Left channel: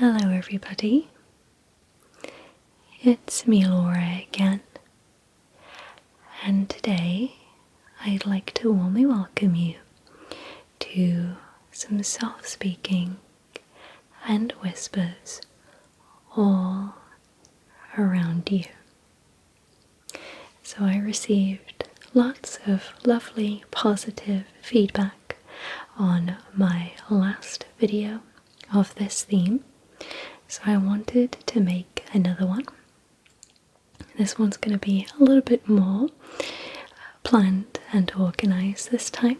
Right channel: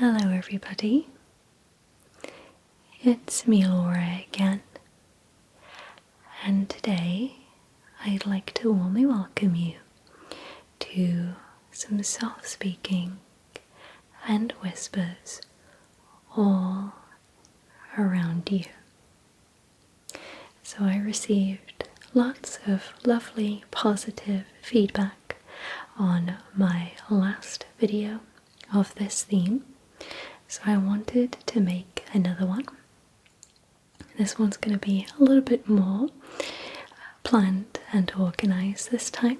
Hello everybody, it's me Laura again, and today I'd like to warmly welcome you to some soft speaking and whispers all around you. So I received lots of lovely positive feedback on my last video of this theme, so I wanted to make another one. This one's going to be a little bit more planned and organized this time,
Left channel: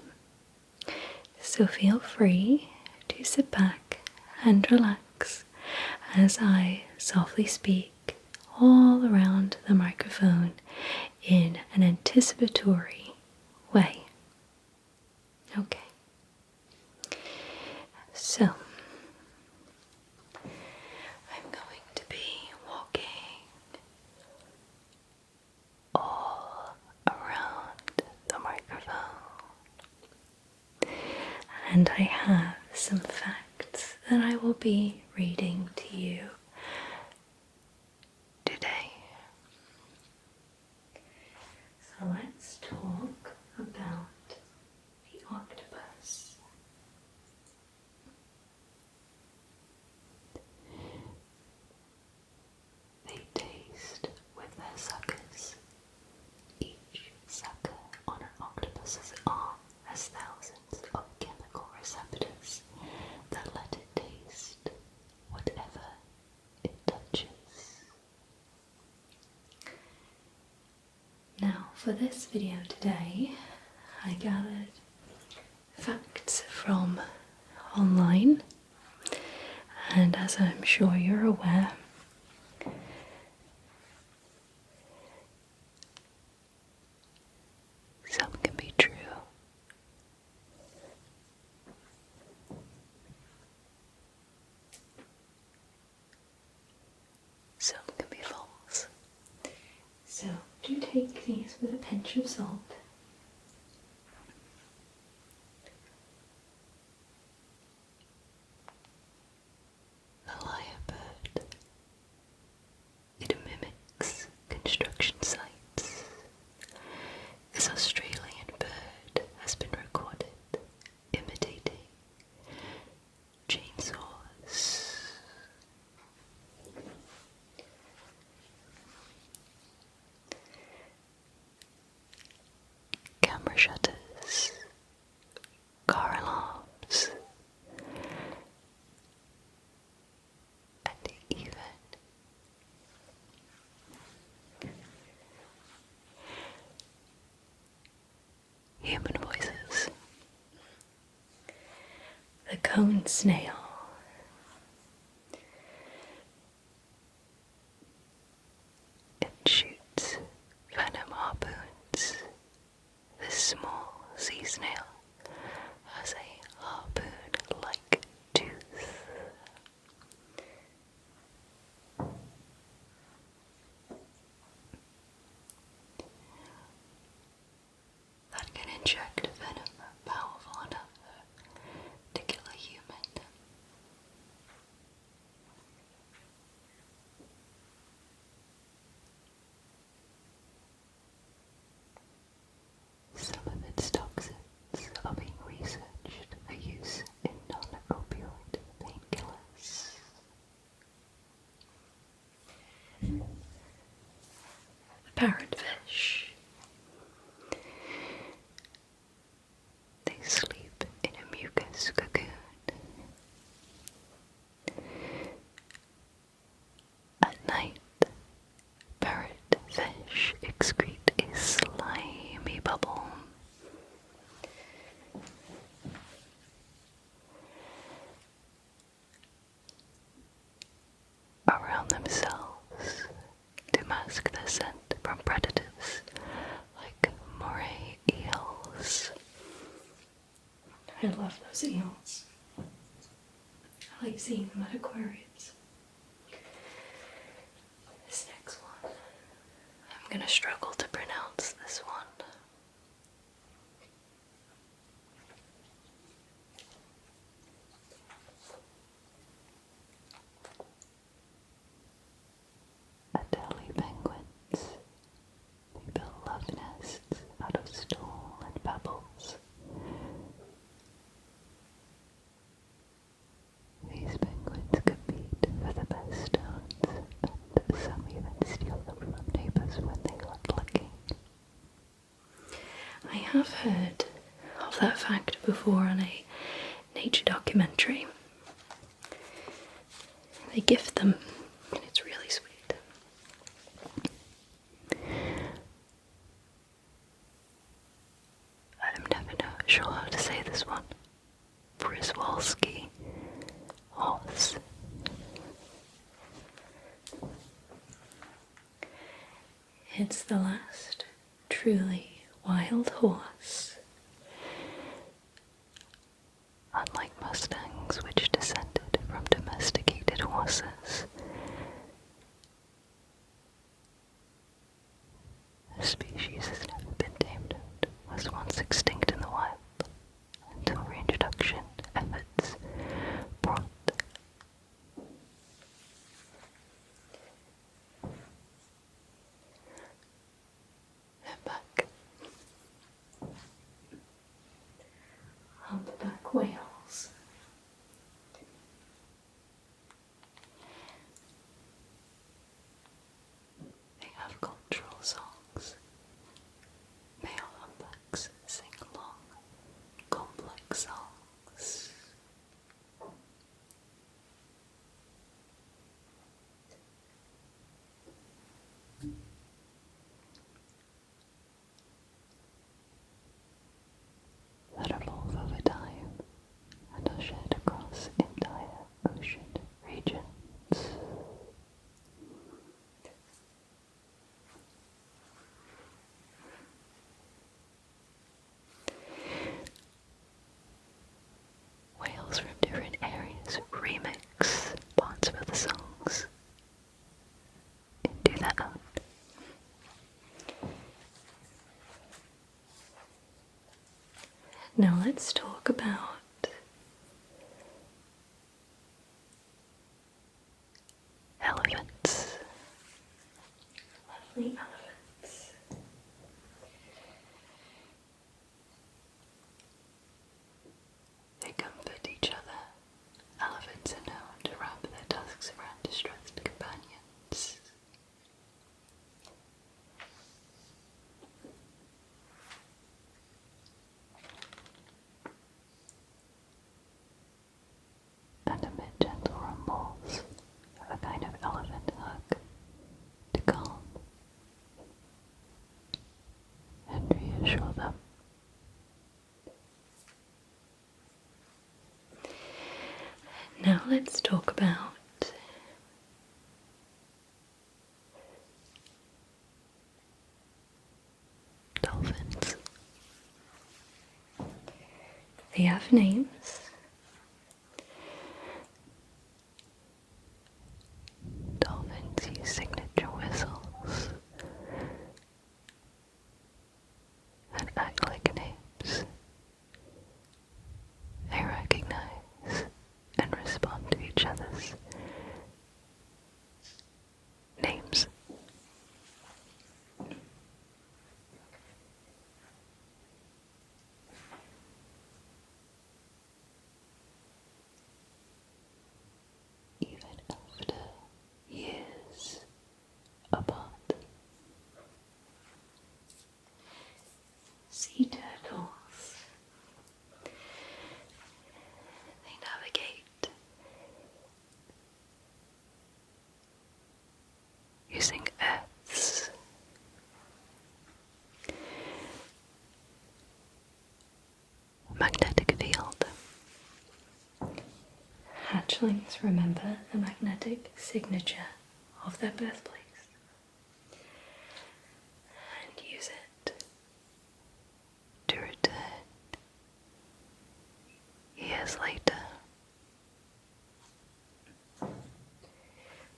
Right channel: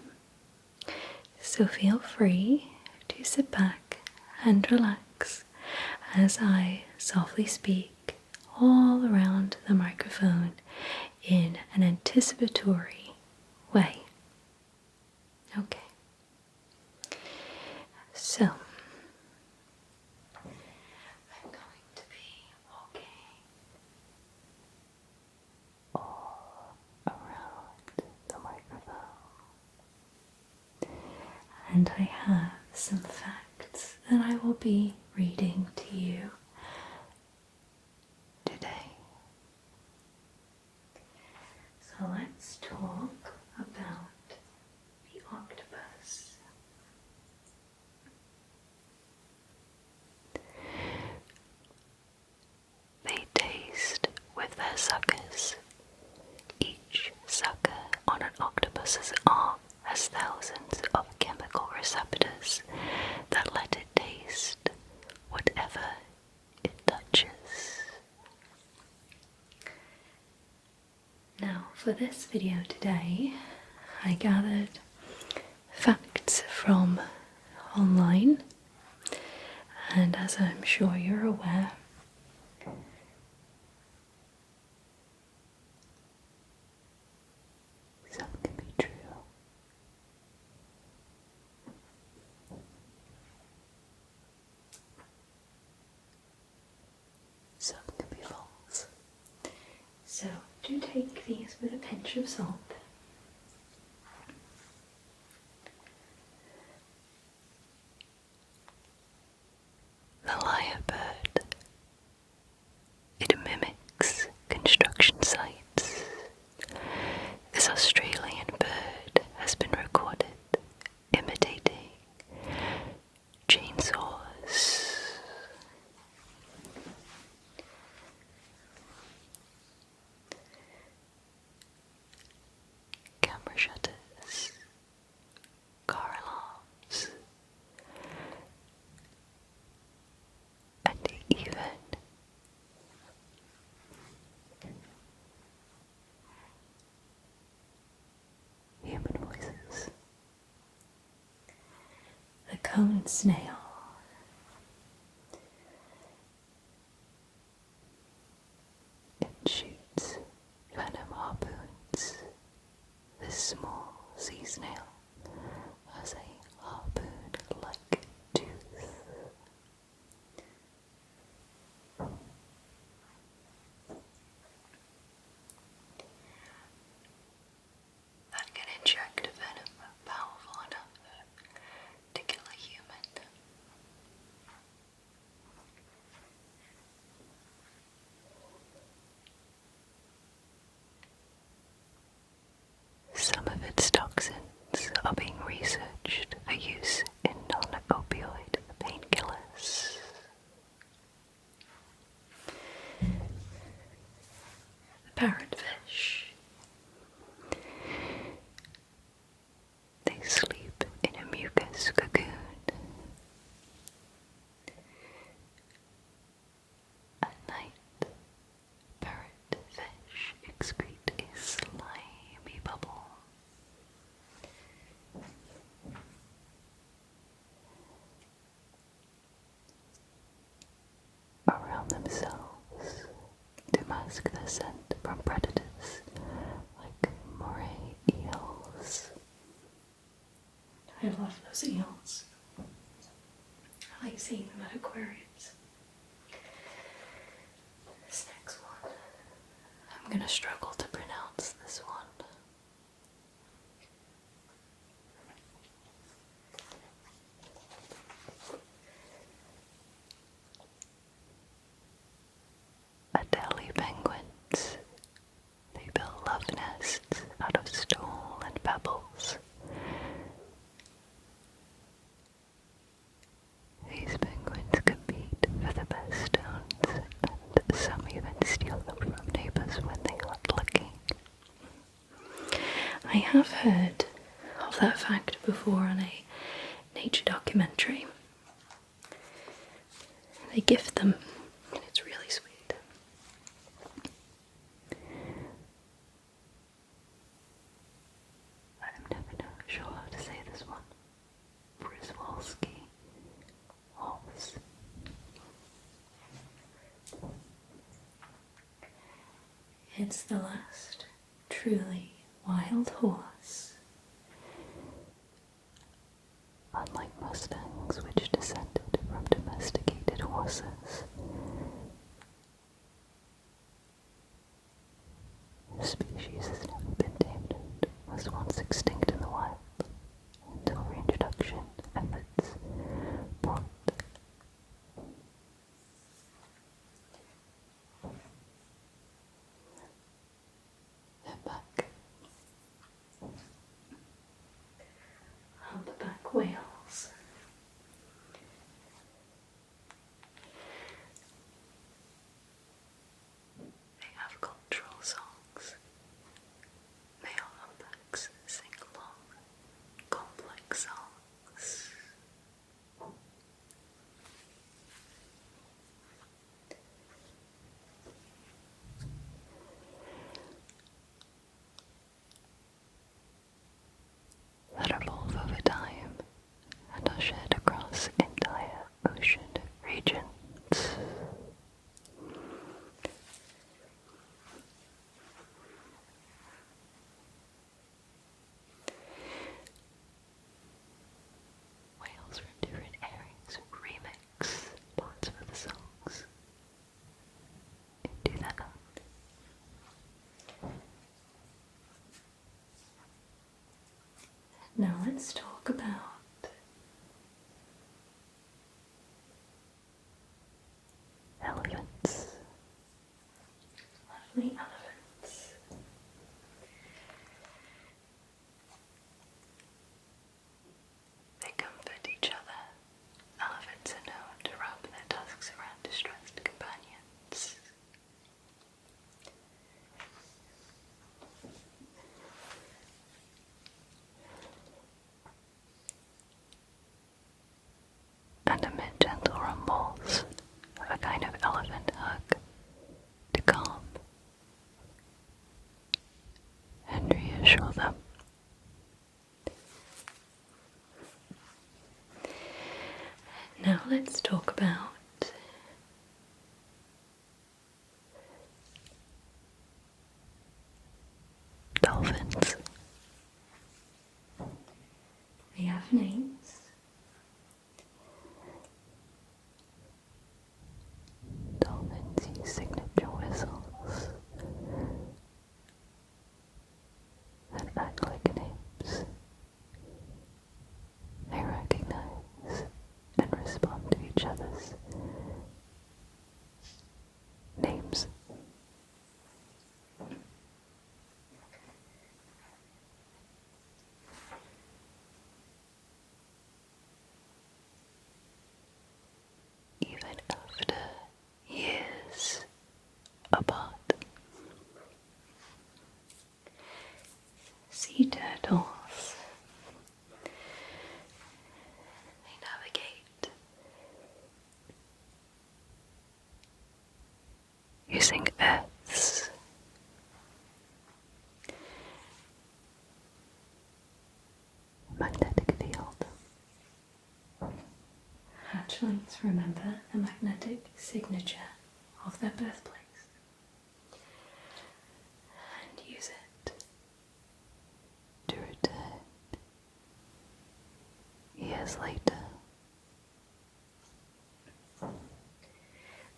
so feel free to sit back and relax as I softly speak all around the microphone in an anticipatory way. Okay, so I'm going to be walking all around the microphone, and I have some facts that I will be reading to you today. So let's talk about the octopus. They taste with their suckers. Each sucker on an octopus's arm has thousands of chemical receptors that let it taste whatever it touches. Now, for this video today, I gathered facts from online, and as I'm sure you're aware, some can be true, some can be false. So do take these with a pinch of salt. The lyrebird. It mimics construction sites. This Australian bird has been recorded imitating chainsaws. Camera shutters, car alarms, and even human voices. The cone snail. It shoots venom harpoons. This small sea snail has a harpoon-like tooth. That can inject venom powerful enough to kill a human. Some of its toxins are being researched for use in non-opioid painkillers. The parrotfish. They sleep in a mucus cocoon. At night, parrotfish excrete a slimy bubble. Around themselves to mask their scent from predators like moray eels. I love those eels. I like seeing them at aquariums. This next one, I'm going to struggle to pronounce this one. have heard of that fact before on a nature documentary. They gift them, and it's really sweet. I'm never sure how to say this one. Przewalski horse. It's the last truly wild horse. Unlike mustangs, which descended from domesticated horses, the species has never been tamed and was once extinct in the wild until reintroduction efforts brought them back. Humpback whales. They have cultural songs. Male humpbacks sing long, complex songs. That evolve over time and are shared across entire ocean regions. Whales from different areas remix parts of the songs into their own. Now let's talk about elephants. Lovely elephants. They comfort each other. Elephants are known to rub their tusks around distressed companions. And amid gentle rumbles, a kind of elephant hug to calm and reassure them. Now let's talk about dolphins. They have names. Dolphins use signature whistles and act like names. They recognize and respond to each other's names. Even after years apart. Sea turtles. They navigate using Earth's magnetic field. Hatchlings remember the magnetic signature of their birthplace and use it to return years later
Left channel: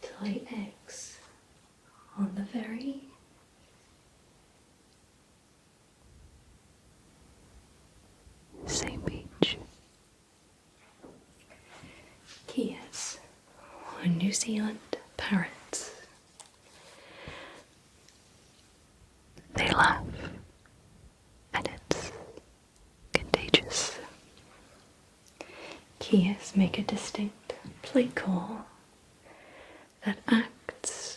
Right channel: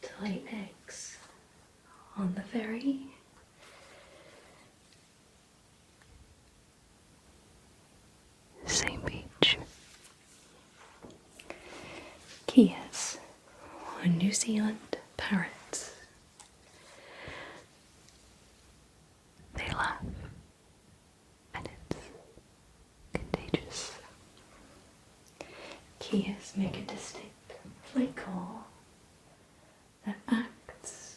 to lay eggs on the very same beach. Kias, or New Zealand parrots. They laugh, and it's contagious. Kias make a distinct play call that acts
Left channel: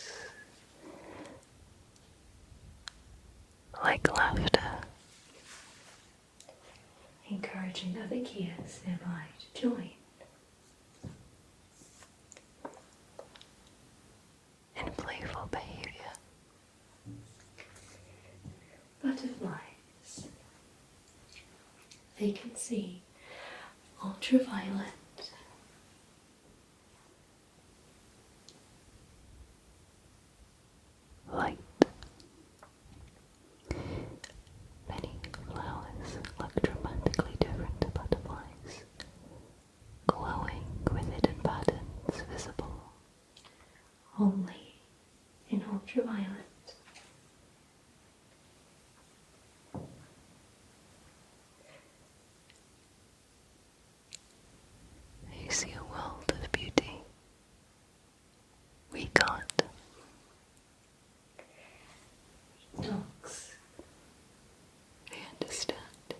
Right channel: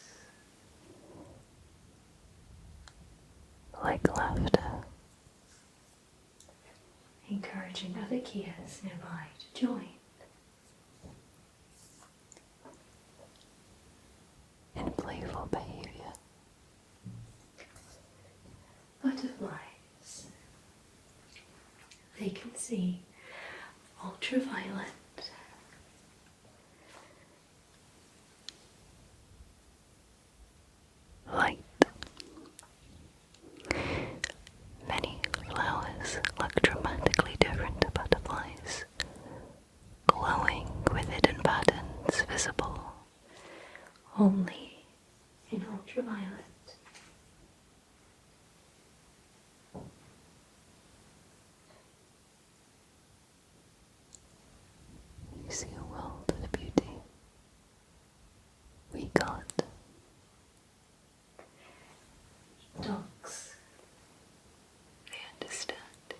like laughter. volunteers nearby to join. In playful behavior, butterflies, they can see ultraviolet light. Many flowers look dramatically different to butterflies, glowing with hidden patterns visible only in ultraviolet. You see a world of beauty we can't. Dogs, they understand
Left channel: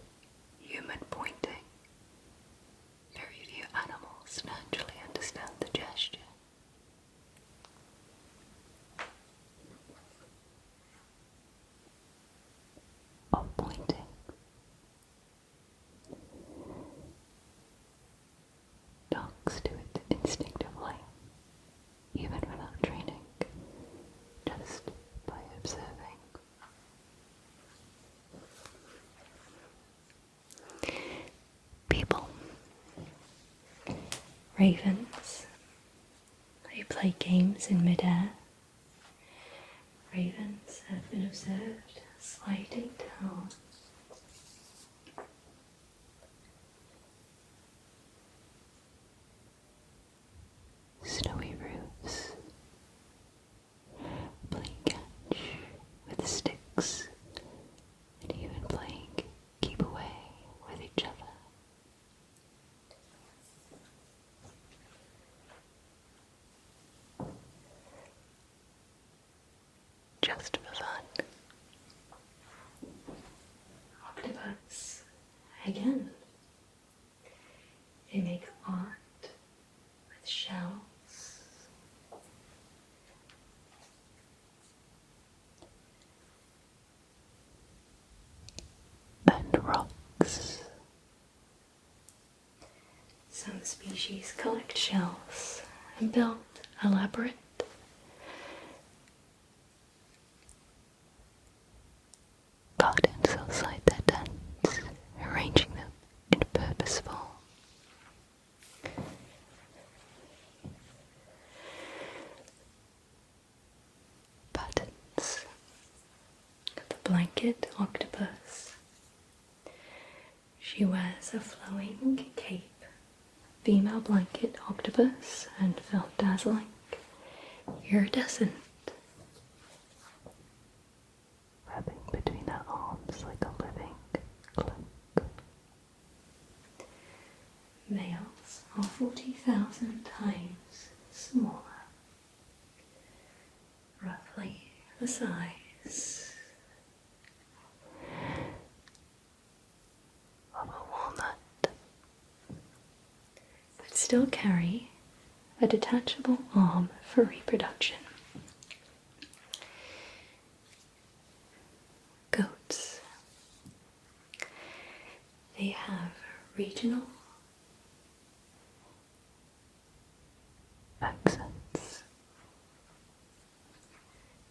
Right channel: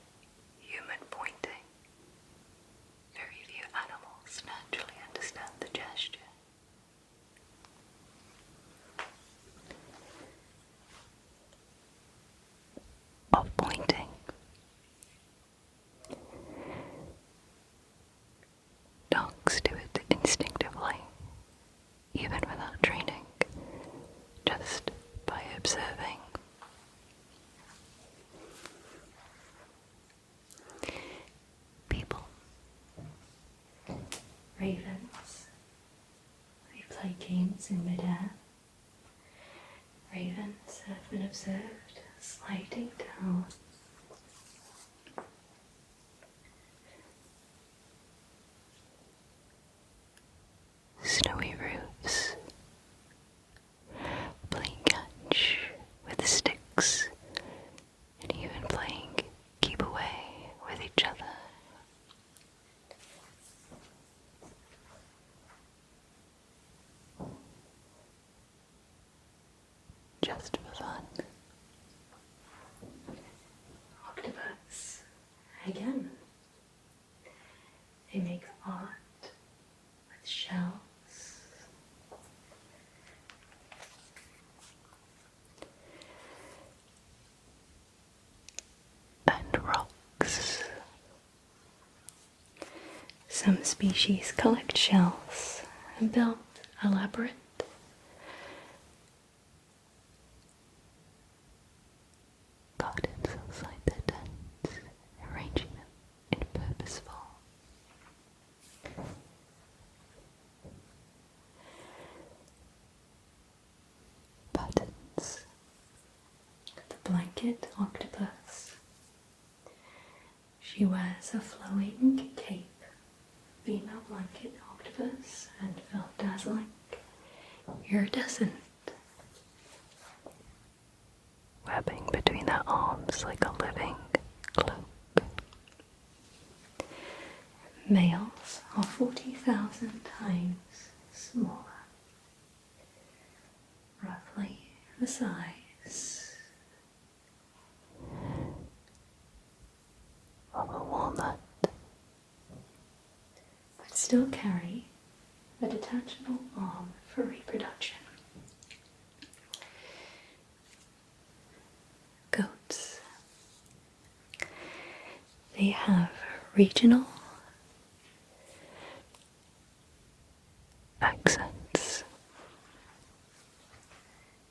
human pointing. Very few animals naturally understand the gesture. Of pointing. Dogs do it instinctively, even without training, just by observing. People. Ravens. They play games in midair. Ravens have been observed sliding down snowy roofs, playing catch with sticks, and even playing keep away with each other. Just for fun. Octopus, again, they make art with shells. And rocks. Some species collect shells and build elaborate gardens outside their tents, arranging them in purposeful patterns. The blanket octopus. She wears a flowing cape. Female blanket octopus and felt dazzling, iridescent. Wrapping between their arms like a living cloak. Males are 40,000 times smaller, roughly the size of a walnut, but still carry a detachable arm for reproduction. Goats. They have regional accents.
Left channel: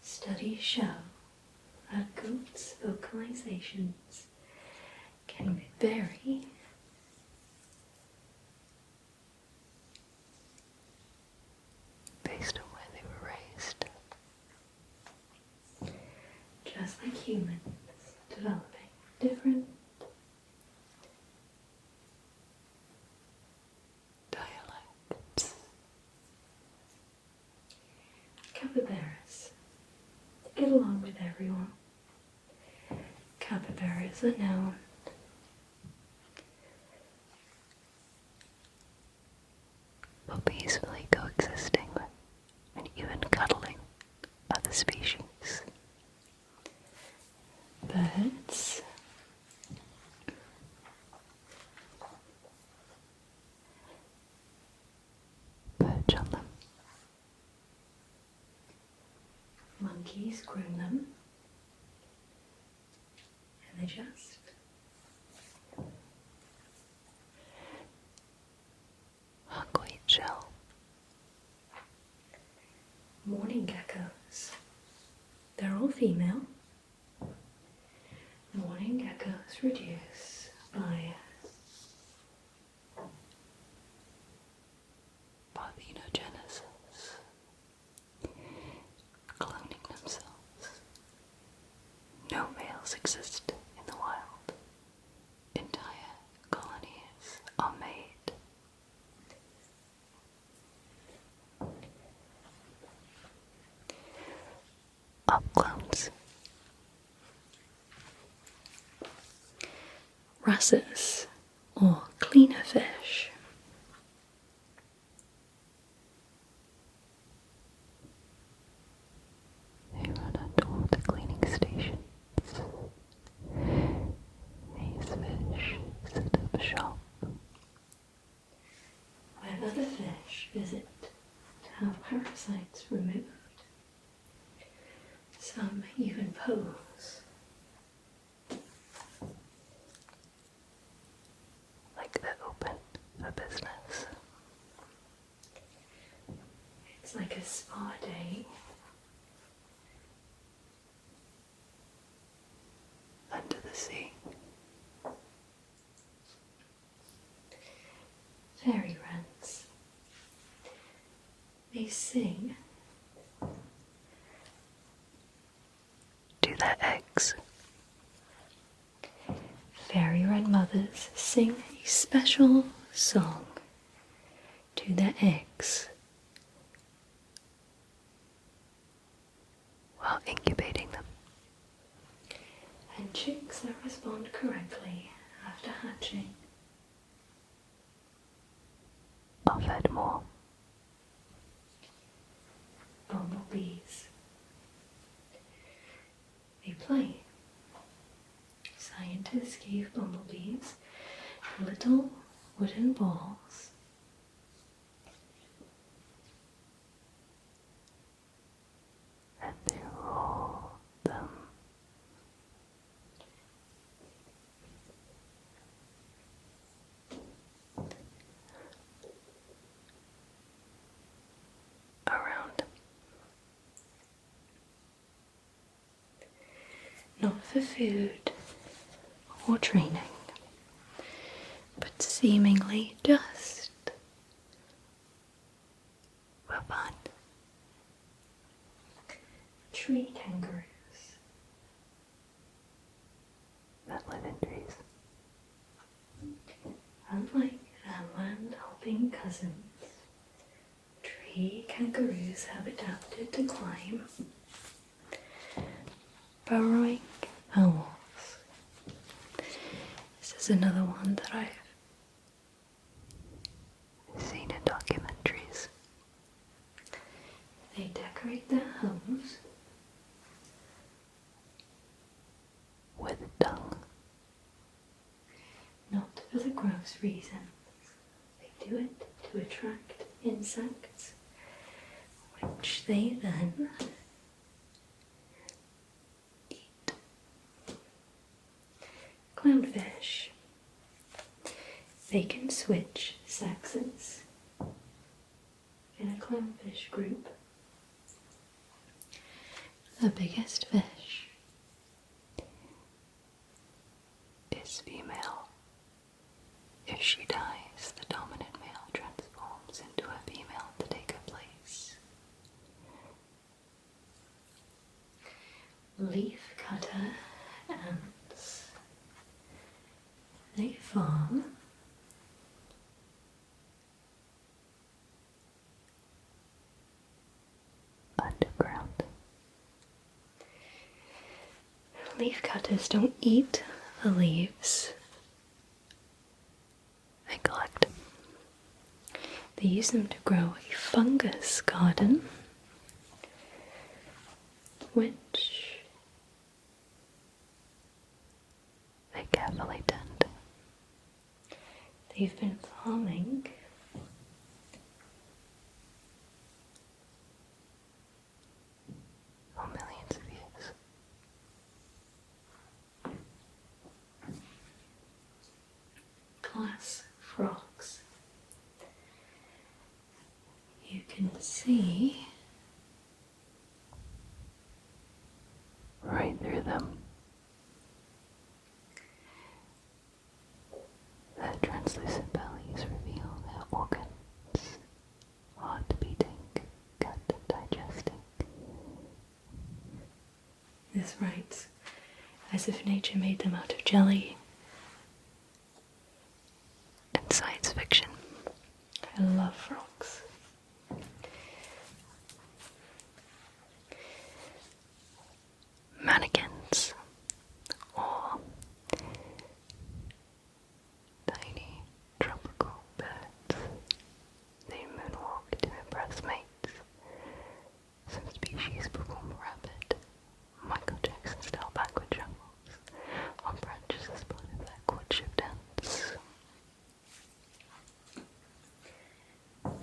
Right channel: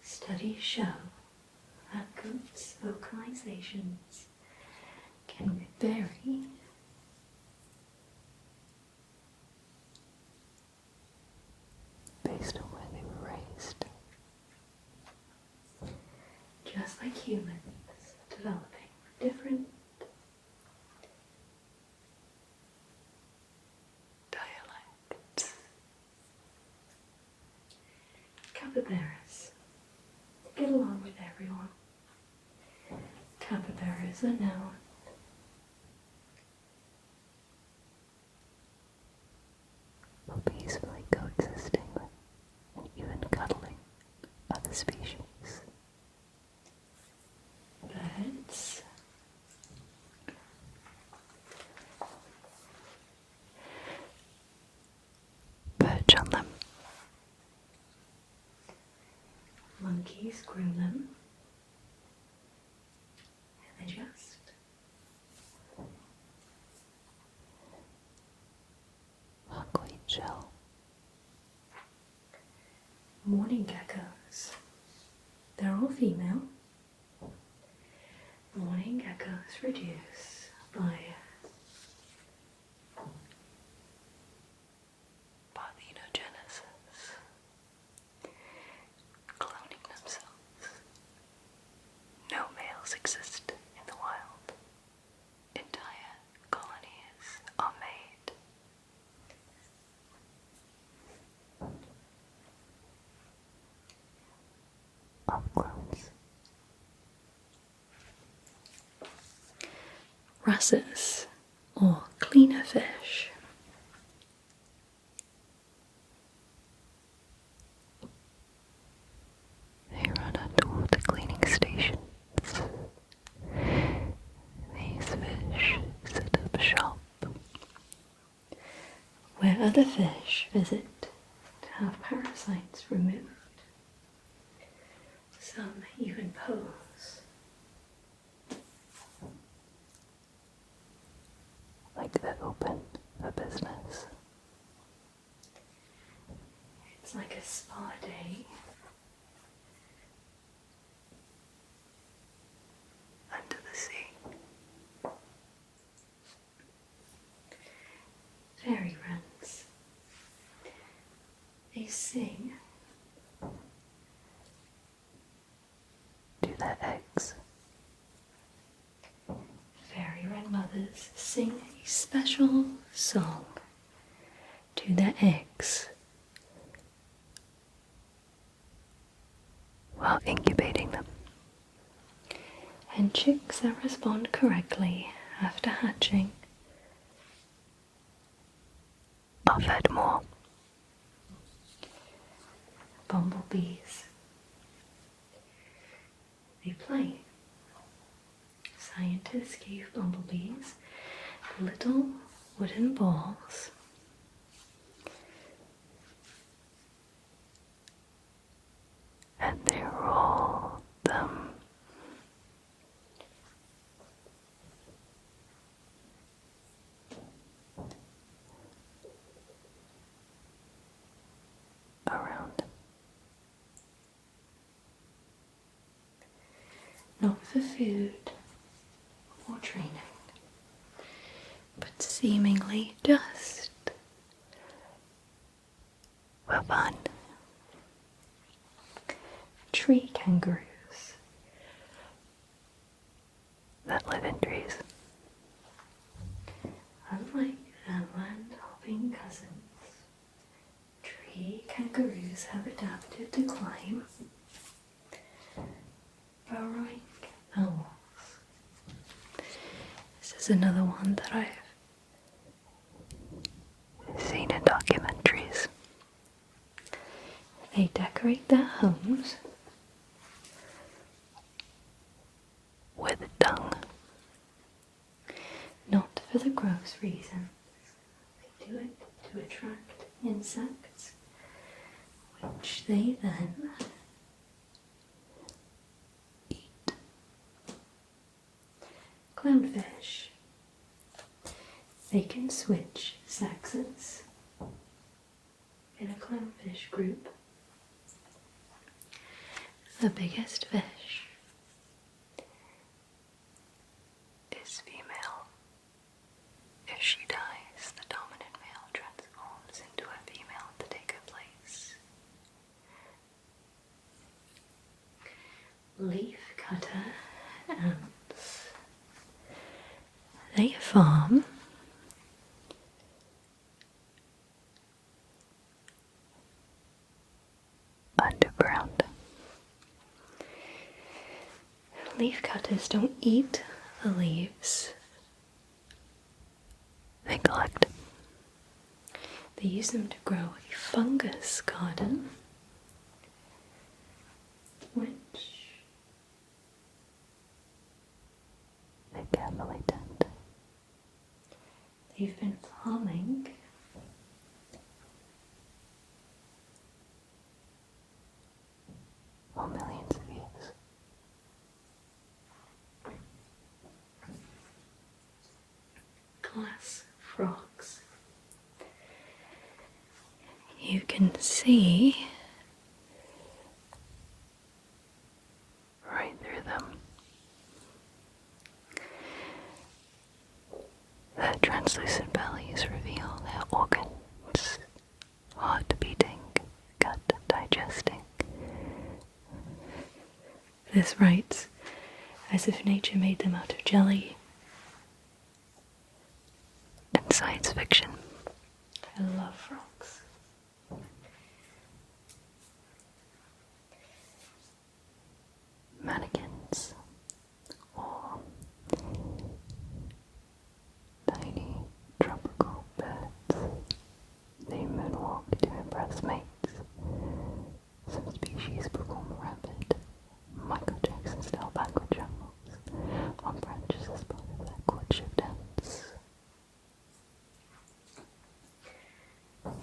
Studies show that goats' vocalizations can vary based on where they were raised. Just like humans, developing different dialects. Capybaras. To get along with everyone, capybaras are known for peacefully coexisting with and even cuddling other species. Birds. Perch on them. Monkeys groom them. And they just grasses or cleaner fish. They run underwater cleaning stations. These fish set up shop where other fish visit to have parasites removed. Some even pose like they're open for business. It's like a spa day under the sea. Fairy wrens. They sing to their eggs. Fairy wren mothers sing a special song to their eggs while incubating them. And chicks that respond correctly after hatching are fed more. Bumblebees. They play. Scientists gave bumblebees little wooden balls and they roll them around. Not for food or training, but seemingly just for fun. Tree kangaroos that live in trees. Unlike their land-hopping cousins, tree kangaroos have adapted to climb, burrowing on walls. This is another one that I've seen in documentaries. They decorate their homes with dung. Not for the gross reasons. They do it to attract insects, which they then eat. Clownfish. They can switch sexes in a clownfish group. The biggest fish is female. If she dies, the dominant male transforms into a female to take her place. Leafcutter ants. They farm underground. Leafcutters don't eat the leaves they collect. They use them to grow a fungus garden, which they carefully tend. They've been farming for millions of years. Glass frogs. You can see right through them. Their translucent bellies reveal their organs, heart beating, gut digesting. This writes as if nature made them out of jelly and science fiction. I love frogs. Mannequins, or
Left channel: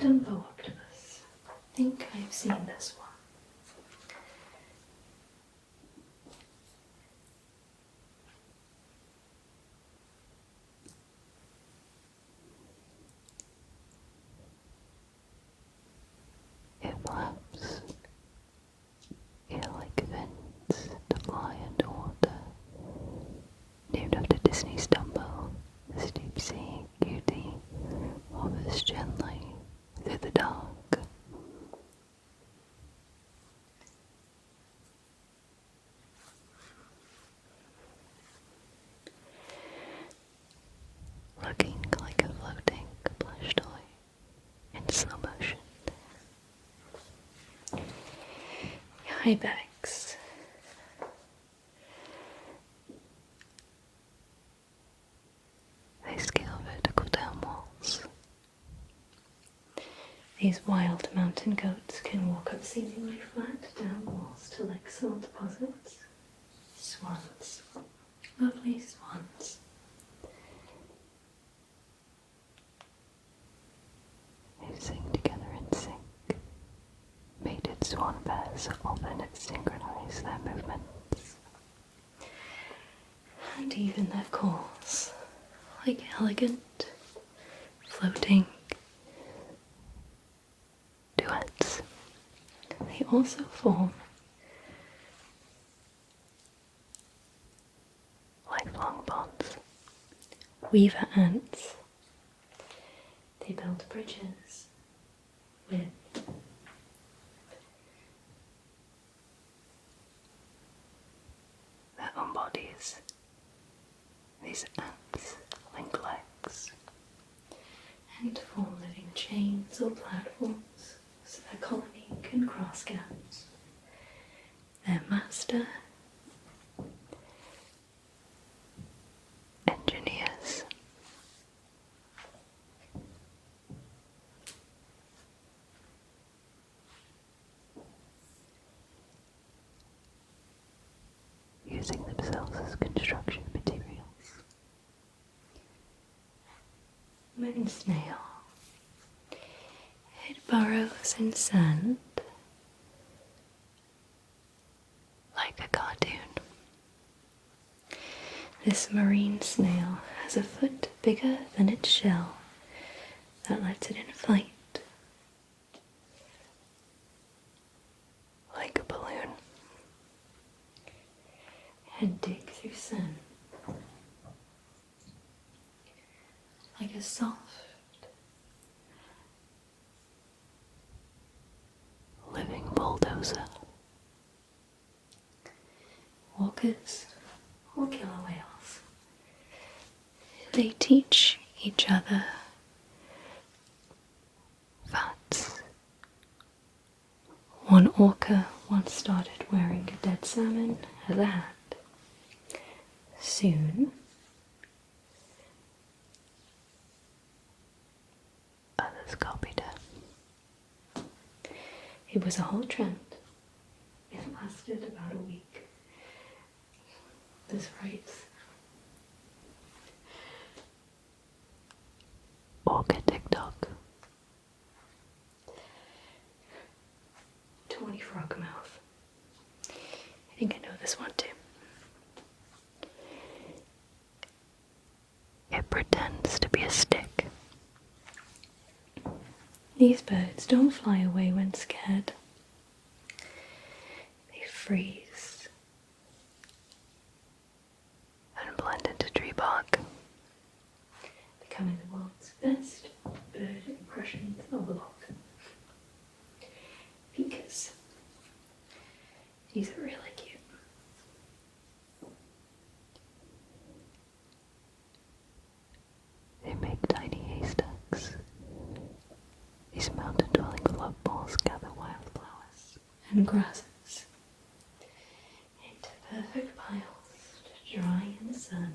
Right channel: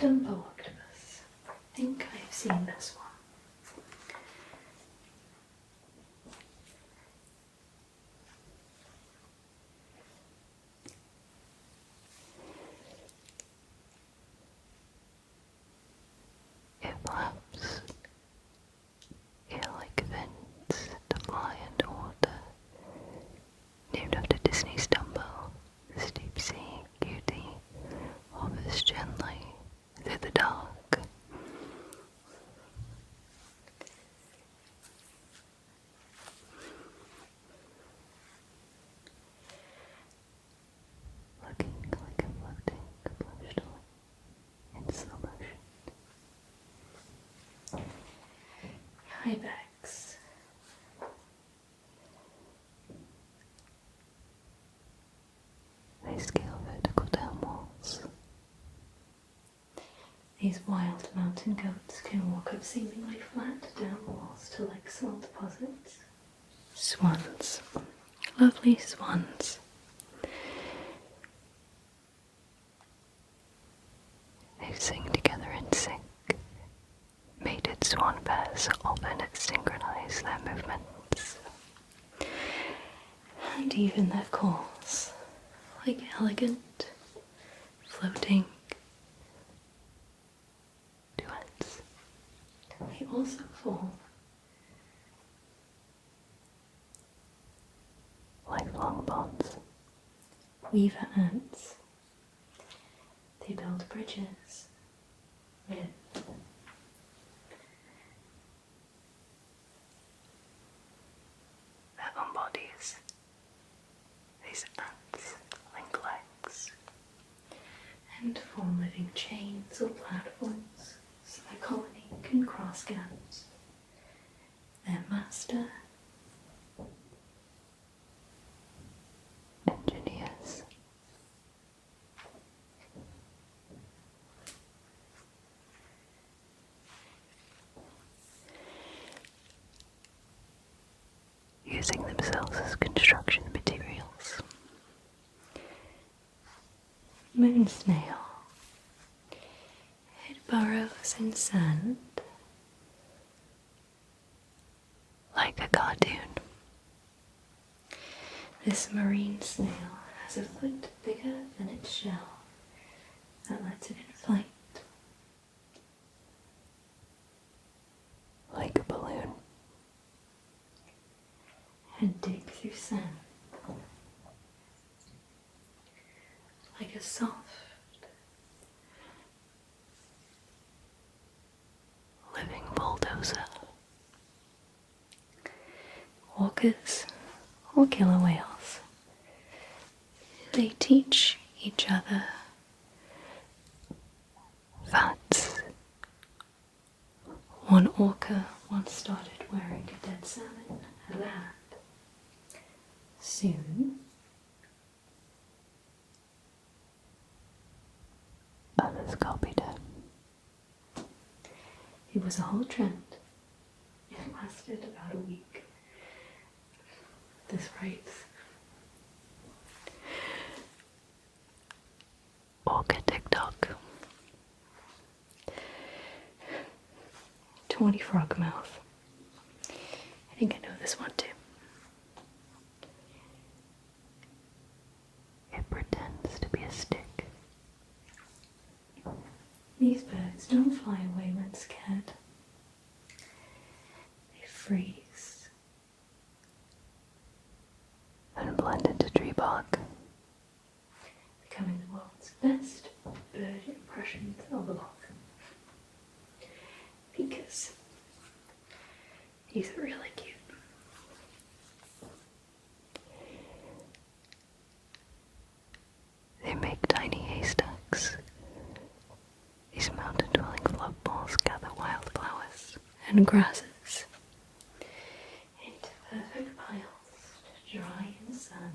Dumbo octopus. I think I've seen this one. It flaps. It like vents to fly underwater. Named after Disney's Dumbo, this deep sea cutie hovers gently through the dark. Looking like a floating plush toy in slow motion. Ibex. They scale vertical down walls. These wild mountain goats can walk up seemingly flat down walls to like salt deposits. Swans. Lovely swans. They sing together in sync. Mated swan pairs often synchronize their movements. And even their calls, like elegant, floating duets. They also form lifelong bonds. Weaver ants. They build bridges with their own bodies. These ants link legs and form living chains or platforms so their colony can cross gaps. Their master engineers. Using themselves as construction materials. Moon snail. It burrows in sand like a cartoon. This marine snail has a foot bigger than its shell that lets it in flight. Like a balloon. And dig through sand like a soft living bulldozer. Orcas or killer whales. They teach each other facts. One orca once started wearing a dead salmon as a hat. Soon, others copied it. It was a whole trend. It lasted about a week. This phrase. Orca TikTok. 20 frog mouth. I think I know this one too. It pretends to be a stick. These birds don't fly away when scared. They freeze and blend into tree bark, becoming the world's best bird impressions of a log. Because he's really cute. They make tiny haystacks. These mountain dwelling float balls gather wildflowers and grasses into perfect piles to dry in the sun.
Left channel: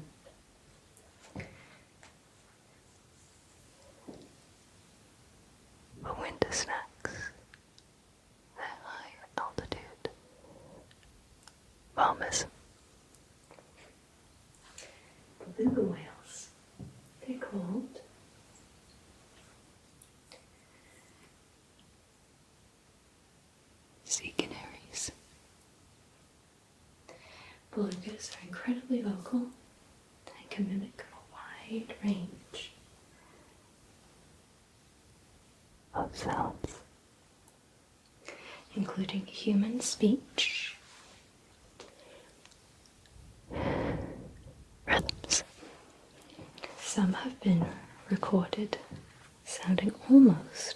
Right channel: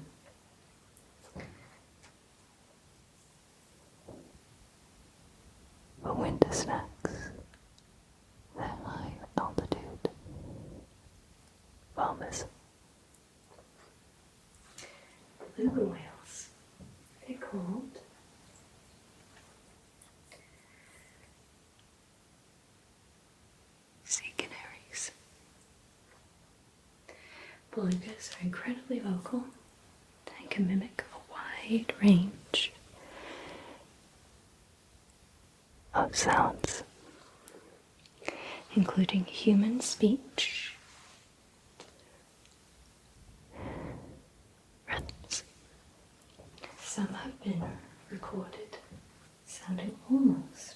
For winter snacks, they're high altitude farmers. Beluga whales, they're called belugas are incredibly vocal. They can mimic a wide range of sounds, including human speech, rhythms. Some have been recorded sounding almost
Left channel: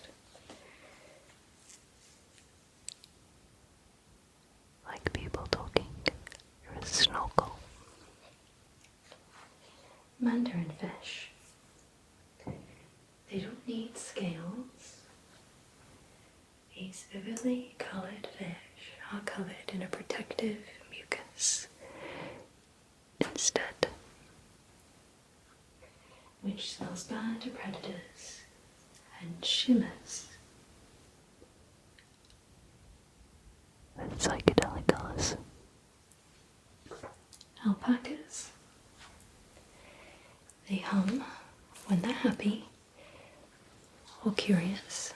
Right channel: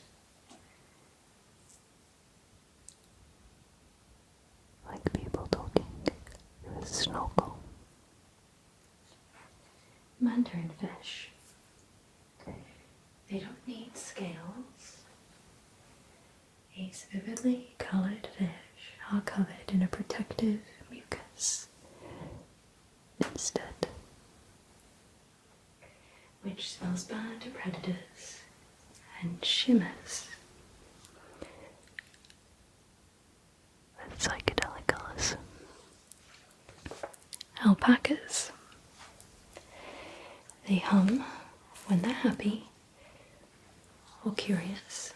like people talking through a snorkel. Mandarin fish. They don't need scales. These vividly coloured fish are covered in a protective mucus instead, which smells bad to predators and shimmers with psychedelic colours. Alpacas. They hum when they're happy or curious.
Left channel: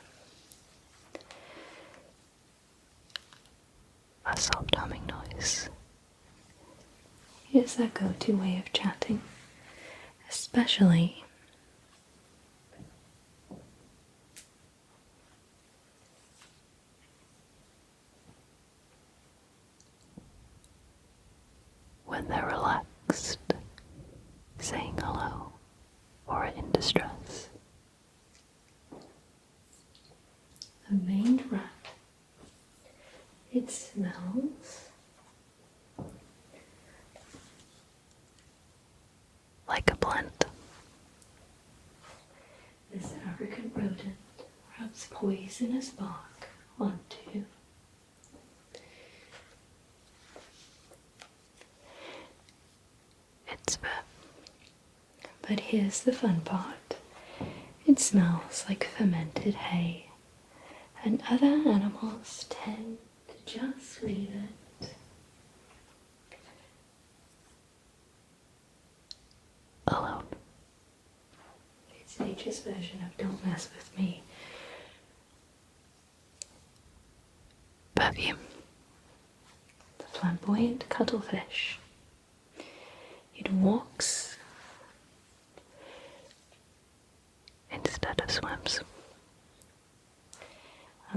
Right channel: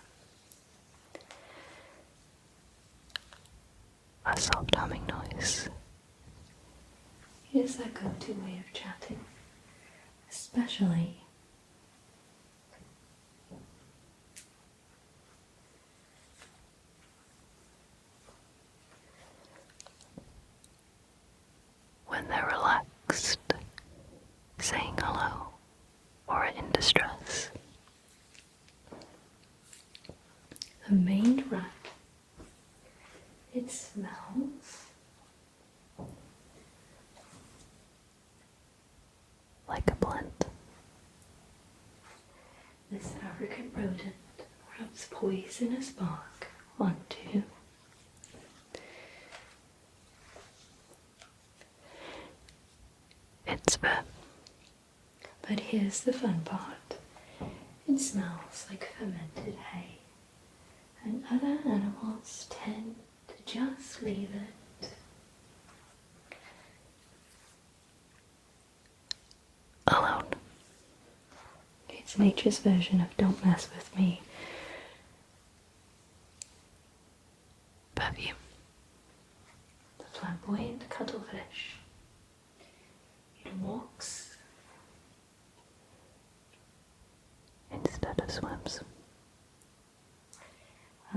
A soft humming noise is their go-to way of chatting, especially when they're relaxed, saying hello, or in distress. The maned rat. It smells like a plant. This African rodent rubs poisonous bark onto its fur. But here's the fun part. It smells like fermented hay, and other animals tend to just leave it alone. It's nature's version of don't mess with me. Perfume. The flamboyant cuttlefish. It walks instead of swims.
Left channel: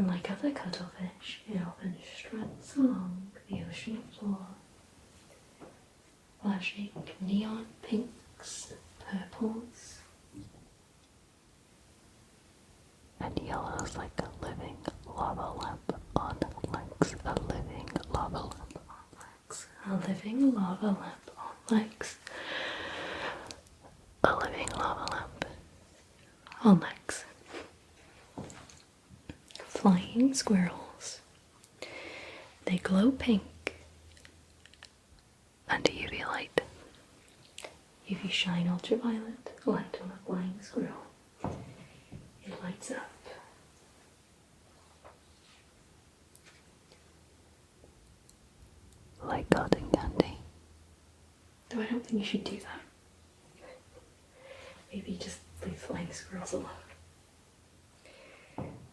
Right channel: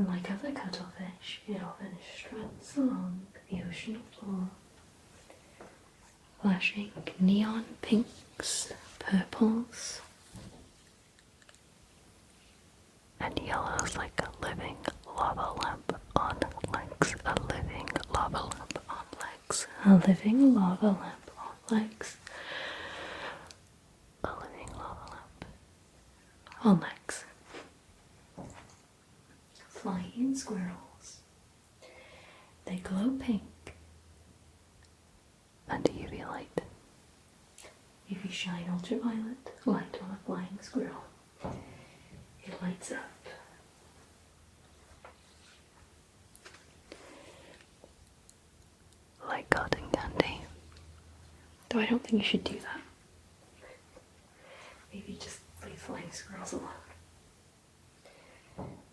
Unlike other cuttlefish, it often struts along the ocean floor, flashing neon pinks, purples, and yellows like a living lava lamp on legs. A living lava lamp on legs. A living lava lamp on legs. A living lava lamp on legs. Flying squirrels. They glow pink under UV light. If you shine ultraviolet light on a flying squirrel, it lights up. Like cotton candy. Though I don't think you should do that. Maybe just leave flying squirrels alone.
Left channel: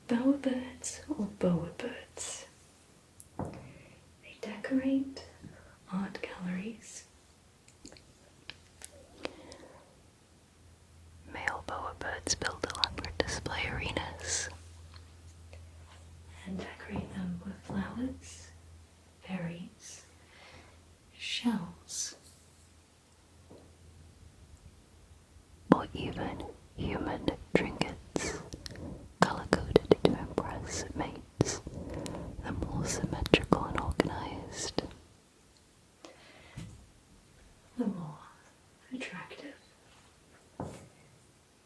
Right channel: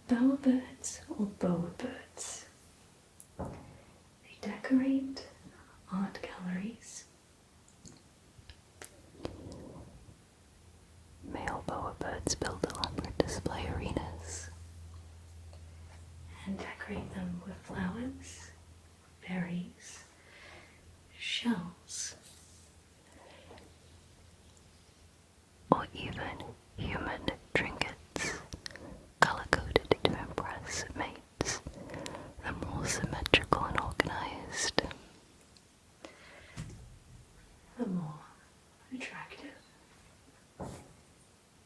Bowerbirds or bowerbirds. They decorate art galleries. Male bowerbirds build elaborate display arenas and decorate them with flowers, berries, shells, or even human trinkets, color-coded to impress mates, and more symmetrical and organized, the more attractive.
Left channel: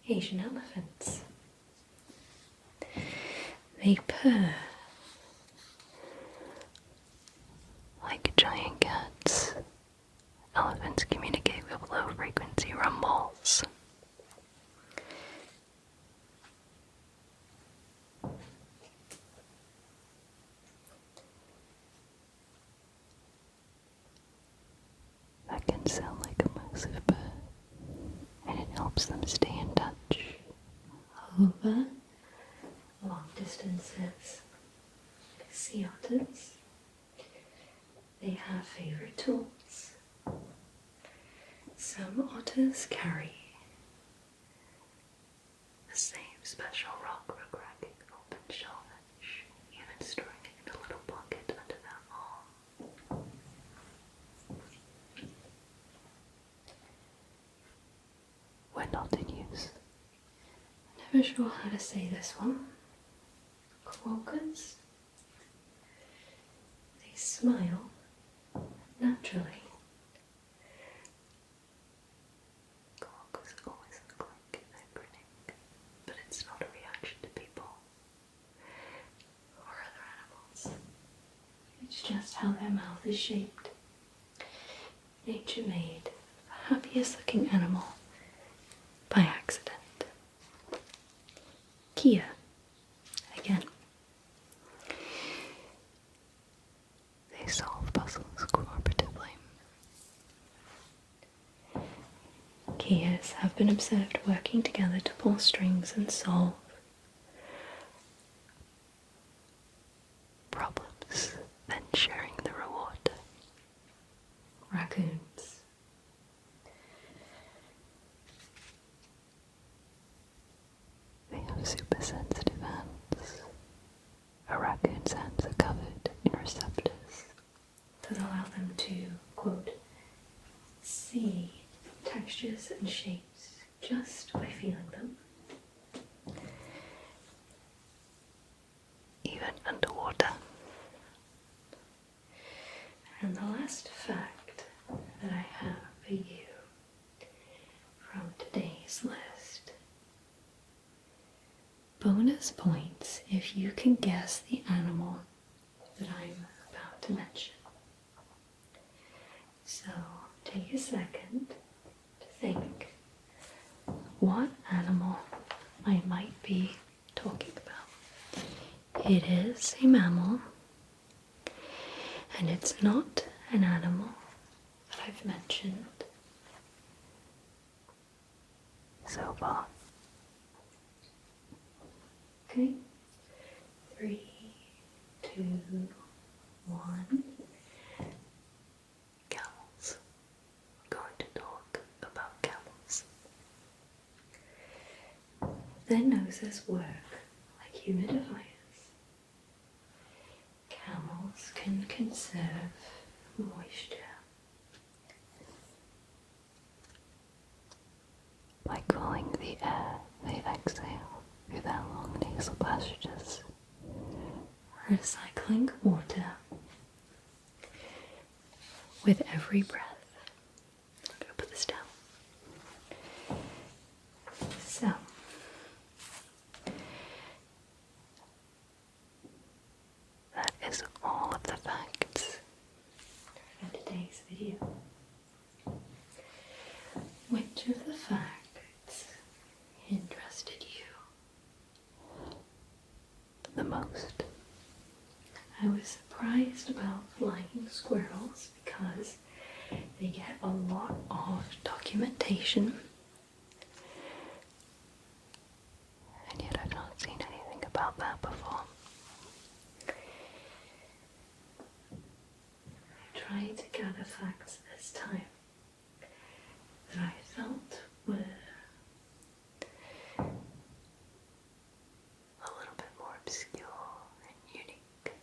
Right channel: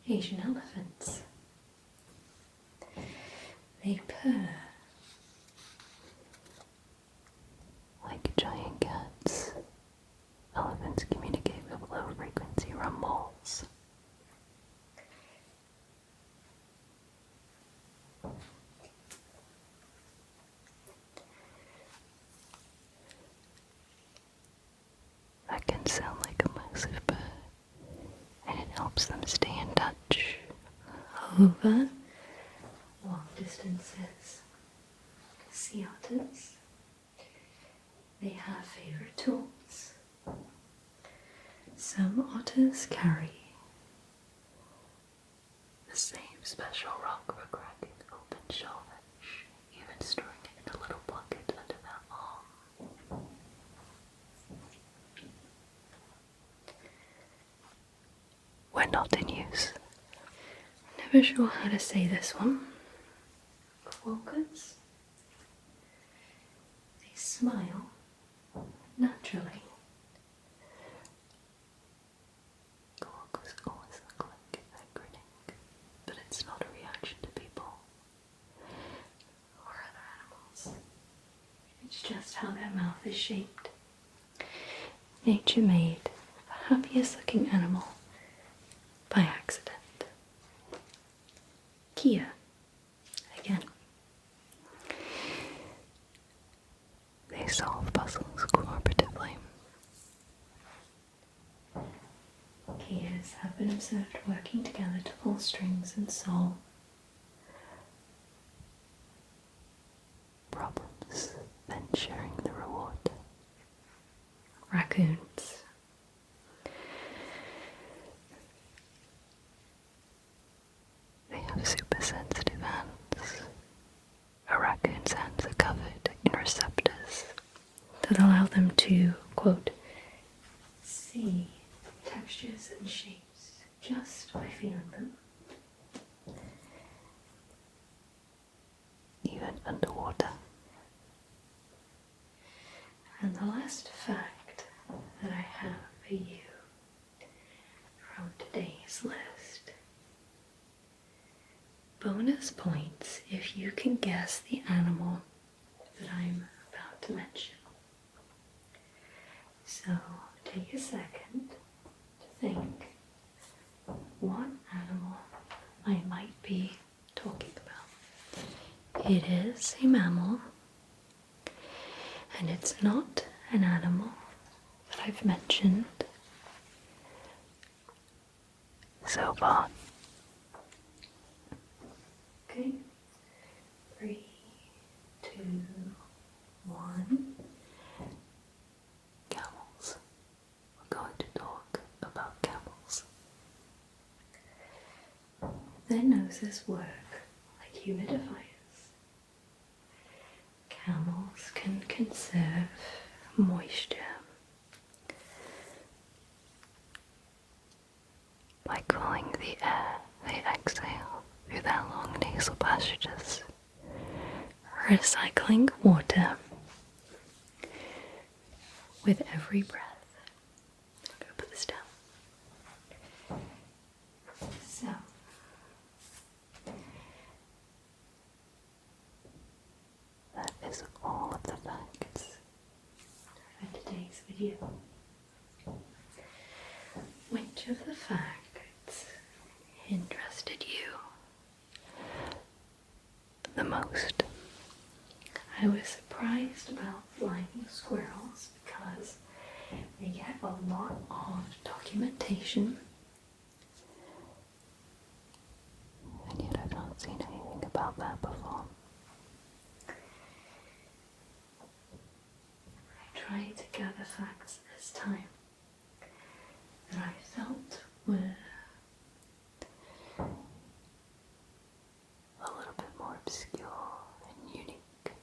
Asian elephants. They purr like giant cats. Elephants communicate with low-frequency rumbles. That can sound like a massive purr, and it helps them stay in touch over long distances. Sea otters, they have favorite tools. Some otters carry the same special rock for cracking open shellfish, even storing it in a little bucket under their arm. When not in use. Never sure how to say this one. Quokkas. They smile naturally. Quokkas always look like they're grinning, but it's not a reaction to people or other animals. It's just how their mouth is shaped. Nature made the happiest looking animal by accident. Kia, again. They solve puzzles cooperatively. Kias have been observed working together to pull strings and solve problems, then sharing the reward. Raccoons. They have super sensitive hands. A raccoon's hands are covered in receptors that allow them to, quote, see textures and shapes just by feeling them. Even underwater. And the last fact that I have for you from today's list. Bonus points if you can guess the animal that I'm about to mention. So take a second to think what animal I might be talking about. It is a mammal, and it's not an animal that I've mentioned so far. Okay, 3, 2, 1. Camels. We're going to talk about camels. Their noses work like humidifiers. Camels can conserve moisture by cooling the air they exhale through their long nasal passages, recycling water with every breath. I'm going to put this down. So, that is all of the facts for today's video. Which of the facts interested you the most? I was surprised about flying squirrels because they get a lot of documentation, and yet I've not seen anything about that before. I tried to gather facts this time that I felt were a little bit more obscure and unique.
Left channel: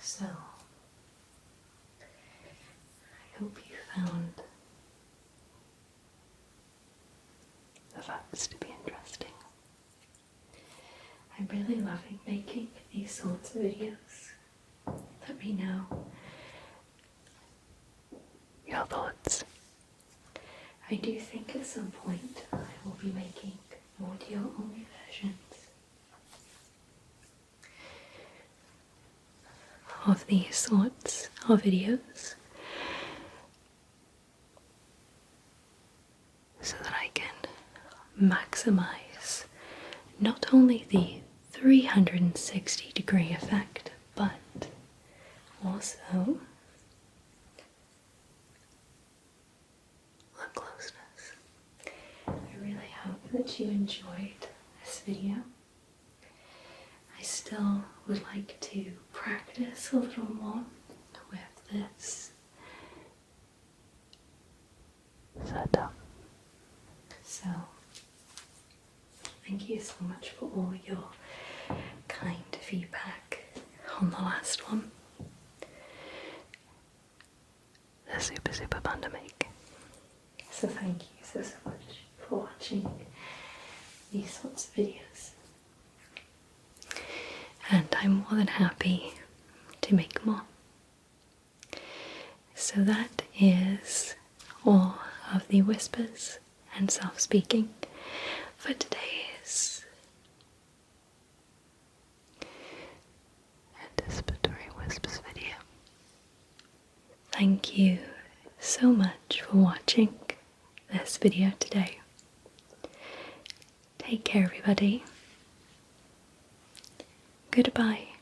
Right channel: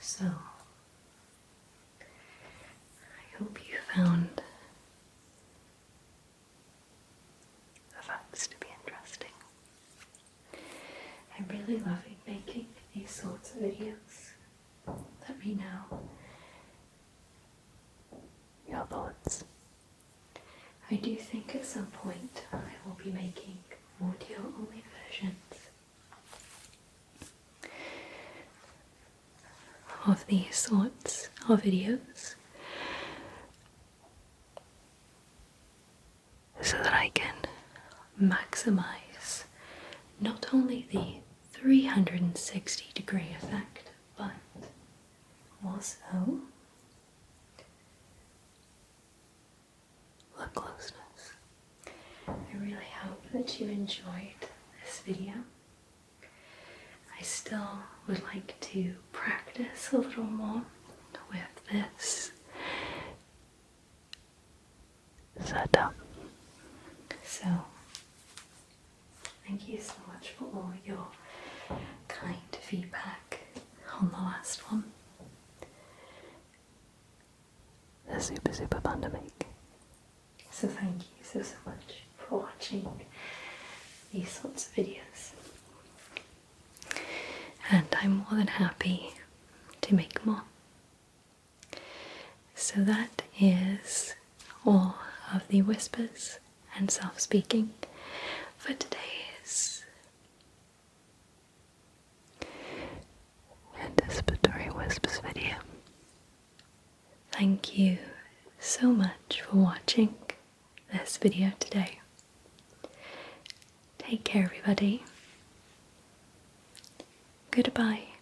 So, I hope you found the facts to be interesting. I'm really loving making these sorts of videos. Let me know your thoughts. I do think at some point I will be making audio-only versions of these sorts of videos so that I can maximize not only the 360-degree effect, but also the closeness. I really hope that you enjoyed this video. I still would like to practice a little more with this your kind feedback on the last one. They're super fun to make. So thank you so much for watching these sorts of videos. And I'm more than happy to make more. So that is all of the whispers and self-speaking for today's Anticipatory Whispers video. Thank you so much for watching this video today. Take care, everybody. Goodbye.